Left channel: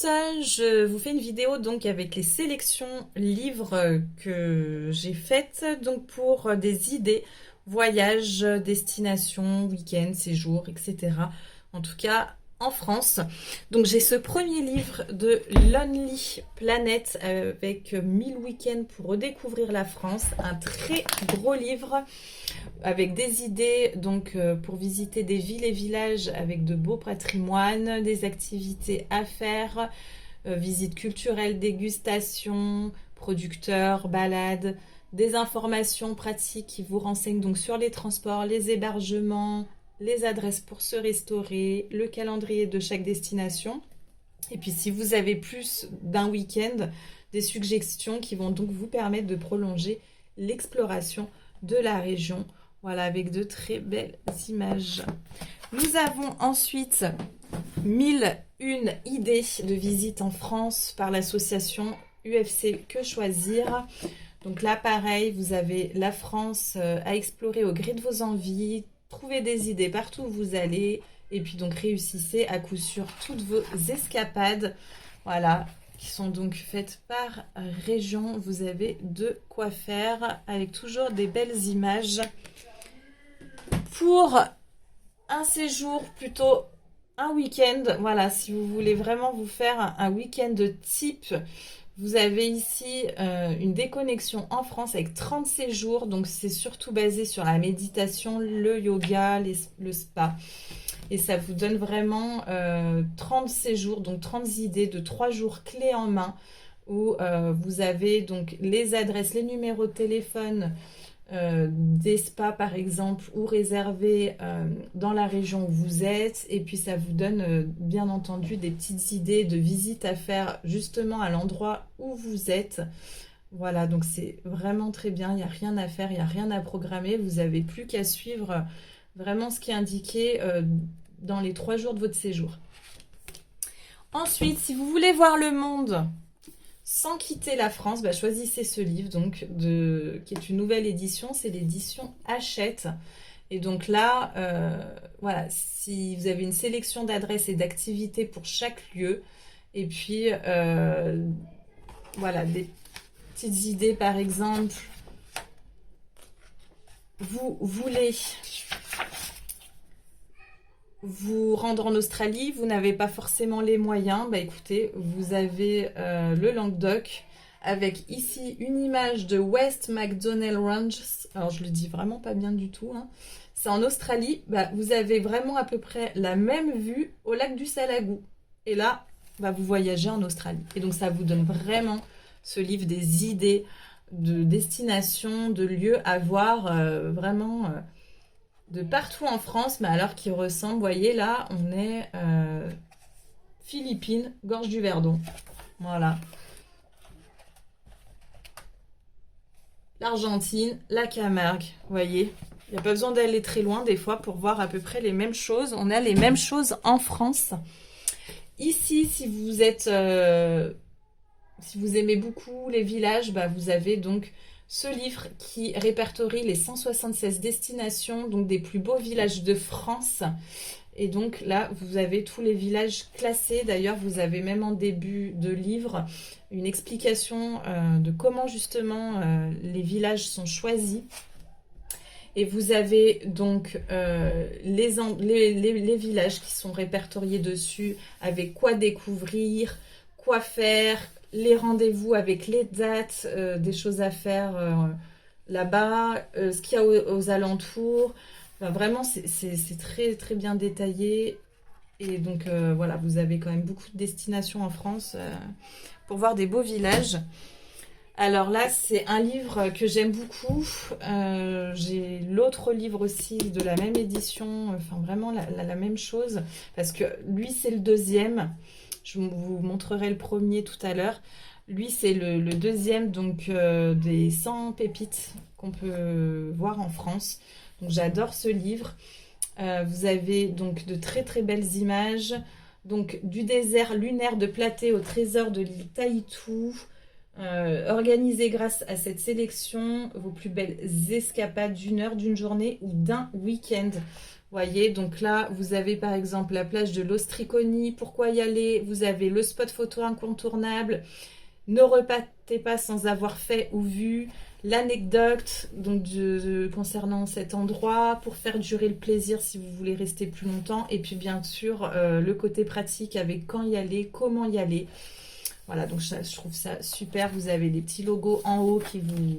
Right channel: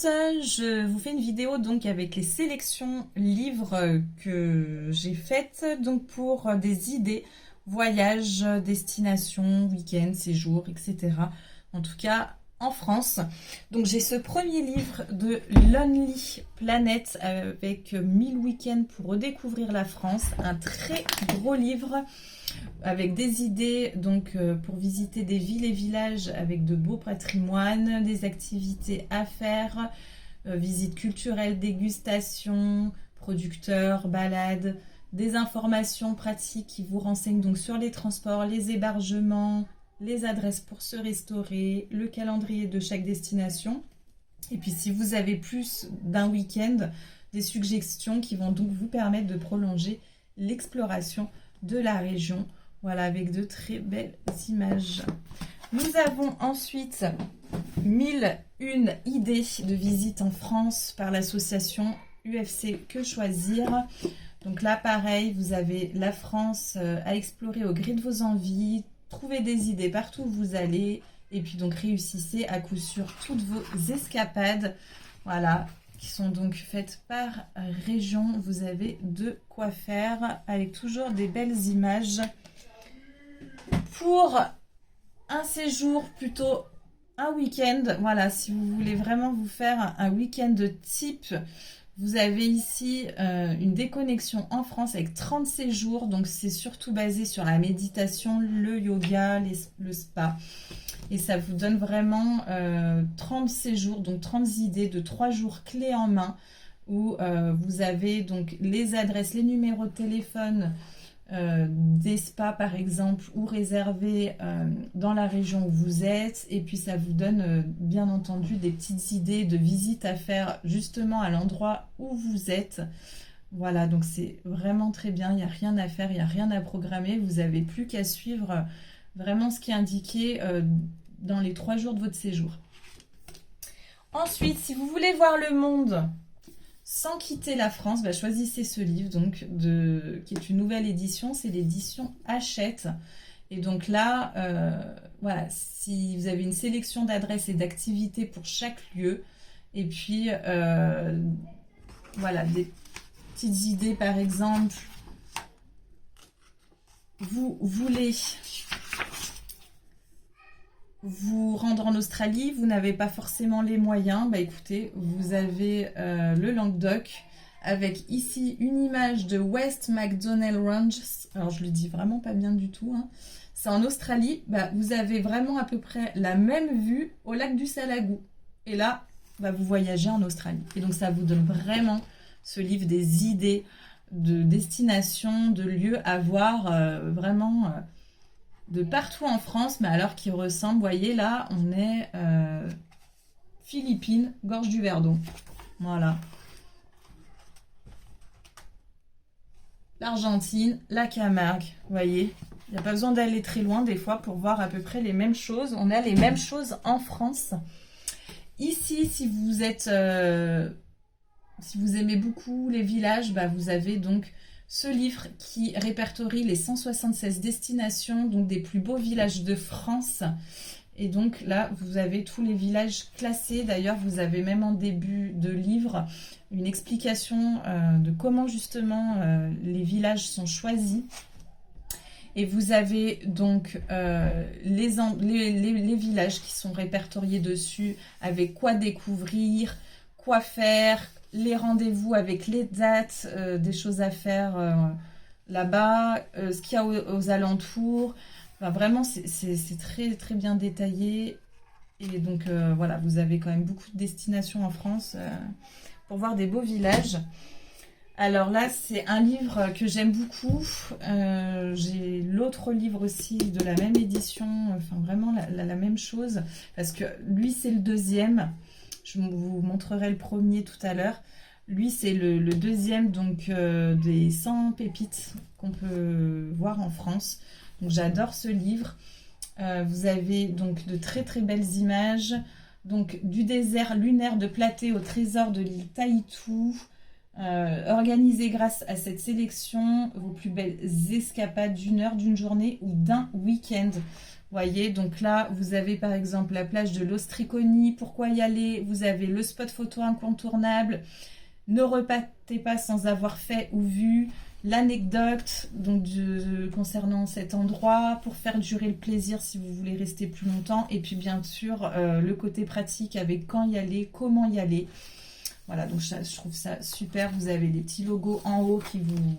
tous, je vous fais une vidéo donc avec les sélections livres que j'ai faites donc pour des idées, voyages, destinations, week-ends, séjours, etc. En tout cas en France. Donc j'ai ce premier livre de Lonely Planet avec 1000 week-ends pour redécouvrir la France. Un très gros livre avec des idées donc pour visiter des villes et villages avec de beaux patrimoines, des activités à faire, visites culturelles, dégustations, producteurs, balades, des informations pratiques qui vous renseignent donc sur les transports, les hébergements, les adresses pour se restaurer, le calendrier de chaque destination. Et puis si vous avez plus d'un week-end, des suggestions qui vont donc vous permettre de prolonger l'exploration de la région. Voilà, avec de très belles images. Nous avons ensuite 1001 idées de visite en France par l'association UFC Que Choisir. Donc là, pareil, vous avez la France à explorer au gré de vos envies. Trouvez des idées partout où vous allez. Et puis donc réussissez à coup sûr toutes vos escapades. Voilà, qui sont donc faites par région. Vous avez de quoi faire avec toujours des belles images. Pour un séjour, plutôt un week-end, voilà, si vous voulez vraiment vous faire un week-end de type, vous avez ici une déconnexion en France avec 30 séjours, donc c'est surtout basé sur la méditation, le yoga, le spa. Et ça vous donne vraiment 30 séjours, donc 30 idées de 3 jours clés en main, où vous avez donc les adresses, les numéros de téléphone, des spas par exemple ou réservés dans la région où vous êtes, et puis ça vous donne bien entendu des petites idées de visites à faire justement à l'endroit où vous êtes. Voilà, donc c'est vraiment très bien, il n'y a rien à faire, il n'y a rien à programmer, vous n'avez plus qu'à suivre vraiment ce qui est indiqué dans les 3 jours de votre séjour. Ensuite, si vous voulez voir le monde sans quitter la France, choisissez ce livre donc qui est une nouvelle édition, c'est l'édition Hachette. Et donc là, voilà, si vous avez une sélection d'adresses et d'activités pour chaque lieu, et puis voilà, des petites idées par exemple, vous voulez vous rendre en Australie, vous n'avez pas forcément les moyens, écoutez, vous avez le Languedoc avec ici une image de West MacDonnell Ranges. Alors je le dis vraiment pas bien du tout, hein. C'est en Australie, vous avez vraiment à peu près la même vue au lac du Salagou. Et là, vous voyagez en Australie. Et donc ça vous donne vraiment ce livre des idées de destinations, de lieux à voir vraiment de partout en France, mais alors qui ressemble, vous voyez là, on est Philippines, Gorge du Verdon. Voilà. L'Argentine, la Camargue, vous voyez. Il n'y a pas besoin d'aller très loin des fois pour voir à peu près les mêmes choses. On a les mêmes choses en France. Ici, si vous êtes, si vous aimez beaucoup les villages, vous avez donc ce livre qui répertorie les 176 destinations, donc des plus beaux villages de France. Et donc là, vous avez tous les villages classés. D'ailleurs, vous avez même en début de livre une explication de comment justement les villages sont choisis. Et vous avez donc les villages qui sont répertoriés dessus, avec quoi découvrir, quoi faire, les rendez-vous avec les dates, des choses à faire là-bas, ce qu'il y a aux alentours. Vraiment, c'est très, très bien détaillé. Et donc, voilà, vous avez quand même beaucoup de destinations en France pour voir des beaux villages. Alors là, c'est un livre que j'aime beaucoup. J'ai l'autre livre aussi de la même édition, enfin vraiment la même chose. Parce que lui, c'est le deuxième. Je vous montrerai le premier tout à l'heure. Lui, c'est le deuxième donc, des 100 pépites qu'on peut voir en France. Donc j'adore ce livre. Vous avez donc de très très belles images. Donc du désert lunaire de Platée au trésor de l'île Taïtou. Organisez grâce à cette sélection vos plus belles escapades d'une heure, d'une journée ou d'un week-end. Voyez, donc là, vous avez par exemple la plage de l'Ostriconi, pourquoi y aller? Vous avez le spot photo incontournable, ne repartez pas sans avoir fait ou vu, l'anecdote donc concernant cet endroit, pour faire durer le plaisir si vous voulez rester plus longtemps, et puis bien sûr le côté pratique avec quand y aller, comment y aller. Voilà, donc je trouve ça super. Vous avez des petits logos en haut qui vous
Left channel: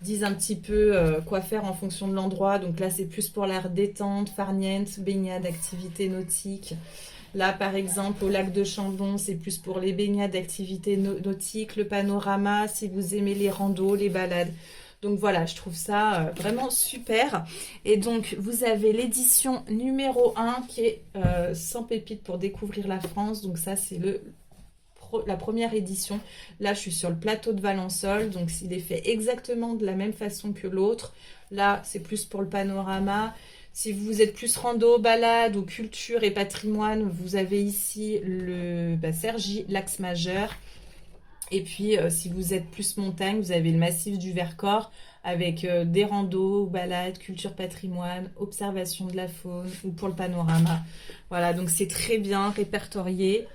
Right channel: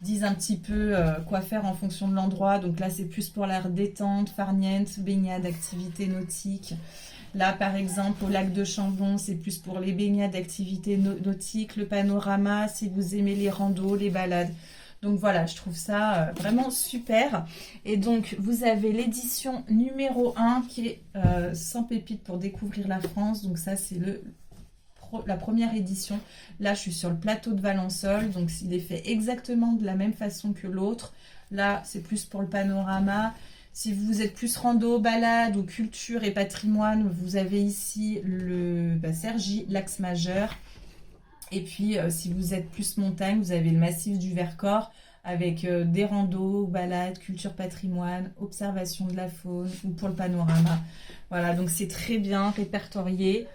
disent un petit peu quoi faire en fonction de l'endroit. Donc là, c'est plus pour la détente, farniente, baignade, activité nautique. Là, par exemple, au lac de Chambon, c'est plus pour les baignades, activités nautiques, le panorama, si vous aimez les randos, les balades. Donc voilà, je trouve ça vraiment super. Et donc, vous avez l'édition numéro 1 qui est 100 pépites pour découvrir la France. Donc ça, c'est la première édition. Là, je suis sur le plateau de Valensole, donc il est fait exactement de la même façon que l'autre. Là, c'est plus pour le panorama. Si vous êtes plus rando, balade ou culture et patrimoine, vous avez ici le Cergy, l'axe majeur. Et puis, si vous êtes plus montagne, vous avez le massif du Vercors avec des randos, balades, culture, patrimoine, observation de la faune ou pour le panorama. Voilà, donc c'est très bien répertorié.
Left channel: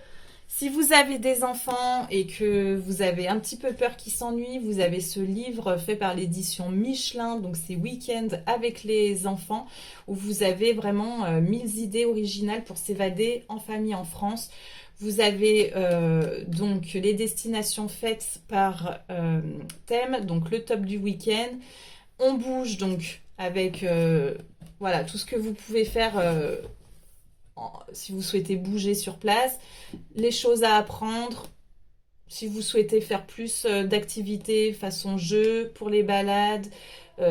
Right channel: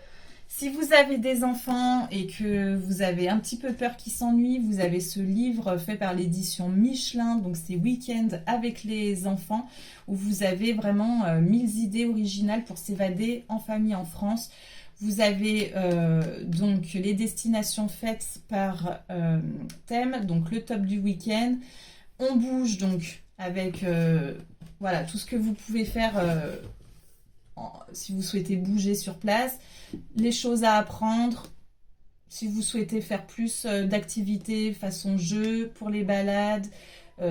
Si vous avez des enfants et que vous avez un petit peu peur qu'ils s'ennuient, vous avez ce livre fait par l'édition Michelin, donc c'est Week-end avec les enfants, où vous avez vraiment 1000 idées originales pour s'évader en famille en France. Vous avez donc les destinations faites par thème, donc le top du week-end. On bouge donc avec voilà, tout ce que vous pouvez faire si vous souhaitez bouger sur place, les choses à apprendre, si vous souhaitez faire plus d'activités façon jeu pour les balades,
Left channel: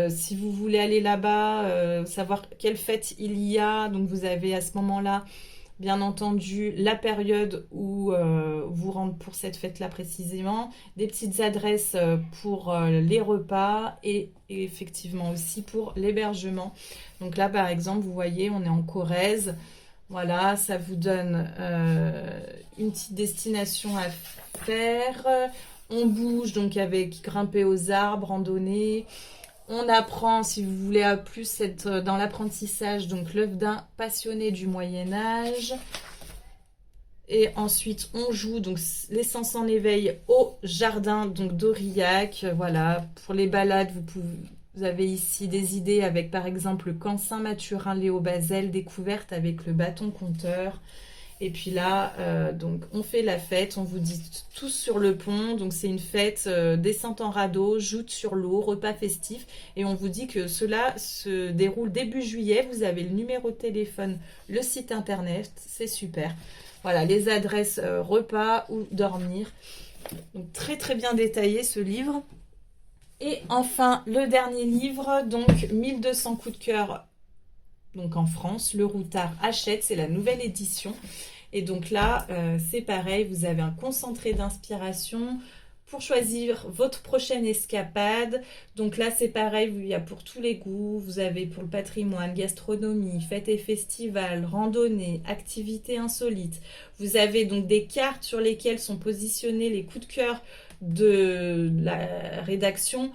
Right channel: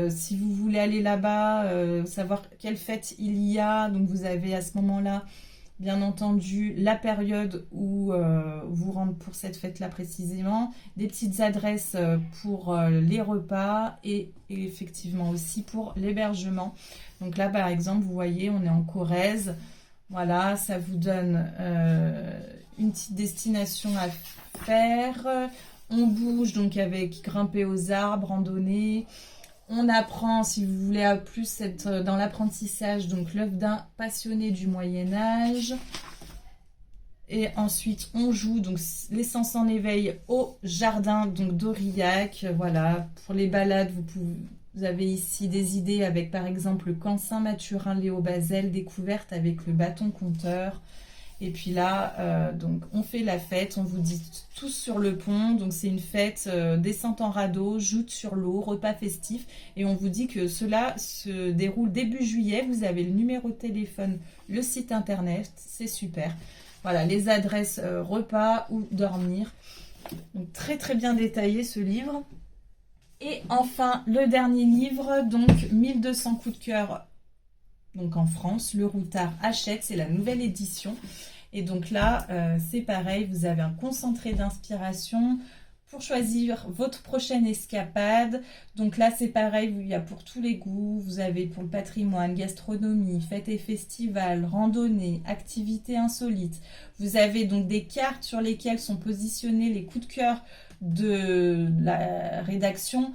si vous voulez aller là-bas, savoir quelle fête il y a, donc vous avez à ce moment-là, bien entendu, la période où vous rentrez pour cette fête-là précisément, des petites adresses pour les repas et effectivement aussi pour l'hébergement. Donc là, par exemple, vous voyez, on est en Corrèze. Voilà, ça vous donne une petite destination à faire. On bouge donc avec grimper aux arbres, randonnée. On apprend, si vous voulez plus être dans l'apprentissage, donc l'œuvre d'un passionné du Moyen-Âge. Et ensuite, on joue donc les sens en éveil au jardin donc d'Aurillac. Voilà, pour les balades, vous avez ici des idées avec par exemple le camp Saint-Mathurin Léo Bazel, découverte avec le bâton compteur. Et puis là, donc on fait la fête, on vous dit tous sur le pont. Donc c'est une fête, descente en radeau, joute sur l'eau, repas festif. Et on vous dit que cela se déroule début juillet. Vous avez le numéro de téléphone, le site internet, c'est super. Voilà, les adresses repas ou dormir. Donc très très bien détaillé ce livre. Et enfin, le dernier livre, donc 1200 coups de cœur donc en France, Le Routard achète, c'est la nouvelle édition. Et donc là, c'est pareil, vous avez un concentré d'inspiration pour choisir votre prochaine escapade. Donc là, c'est pareil, il y a pour tous les goûts. Vous avez pour le patrimoine, gastronomie, fêtes et festivals, randonnée, activités insolites. Vous avez donc des cartes sur lesquelles sont positionnés les coups de cœur de la rédaction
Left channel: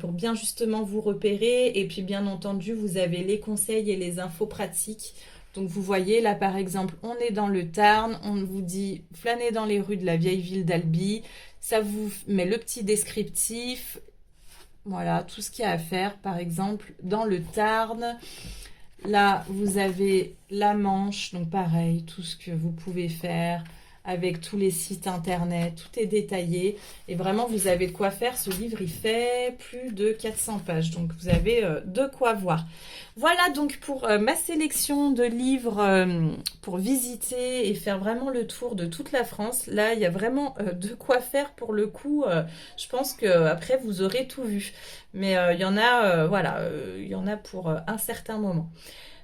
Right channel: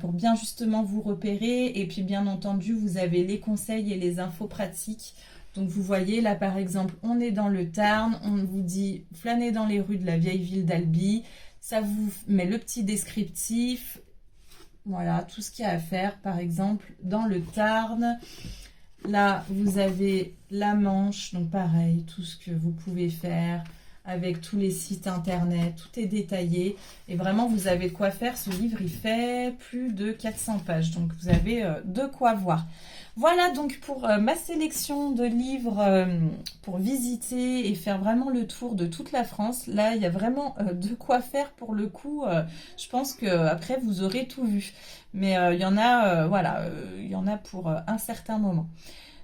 pour bien justement vous repérer. Et puis bien entendu, vous avez les conseils et les infos pratiques. Donc vous voyez là par exemple, on est dans le Tarn, on vous dit flâner dans les rues de la vieille ville d'Albi. Ça vous met le petit descriptif, voilà, tout ce qu'il y a à faire par exemple dans le Tarn. Là, vous avez la Manche, donc pareil, tout ce que vous pouvez faire avec tous les sites internet, tout est détaillé. Et vraiment, vous avez de quoi faire. Ce livre, il fait plus de 400 pages, donc vous avez de quoi voir. Voilà donc pour ma sélection de livres pour visiter et faire vraiment le tour de toute la France. Là, il y a vraiment de quoi faire pour le coup. Je pense qu'après, vous aurez tout vu. Mais il y en a, voilà, il y en a pour un certain moment.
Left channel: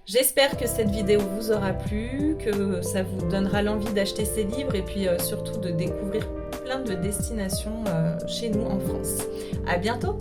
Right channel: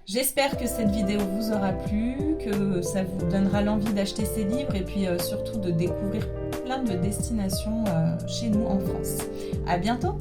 J'espère que cette vidéo vous aura plu, que ça vous donnera l'envie d'acheter ces livres et puis surtout de découvrir plein de destinations chez nous en France. À bientôt!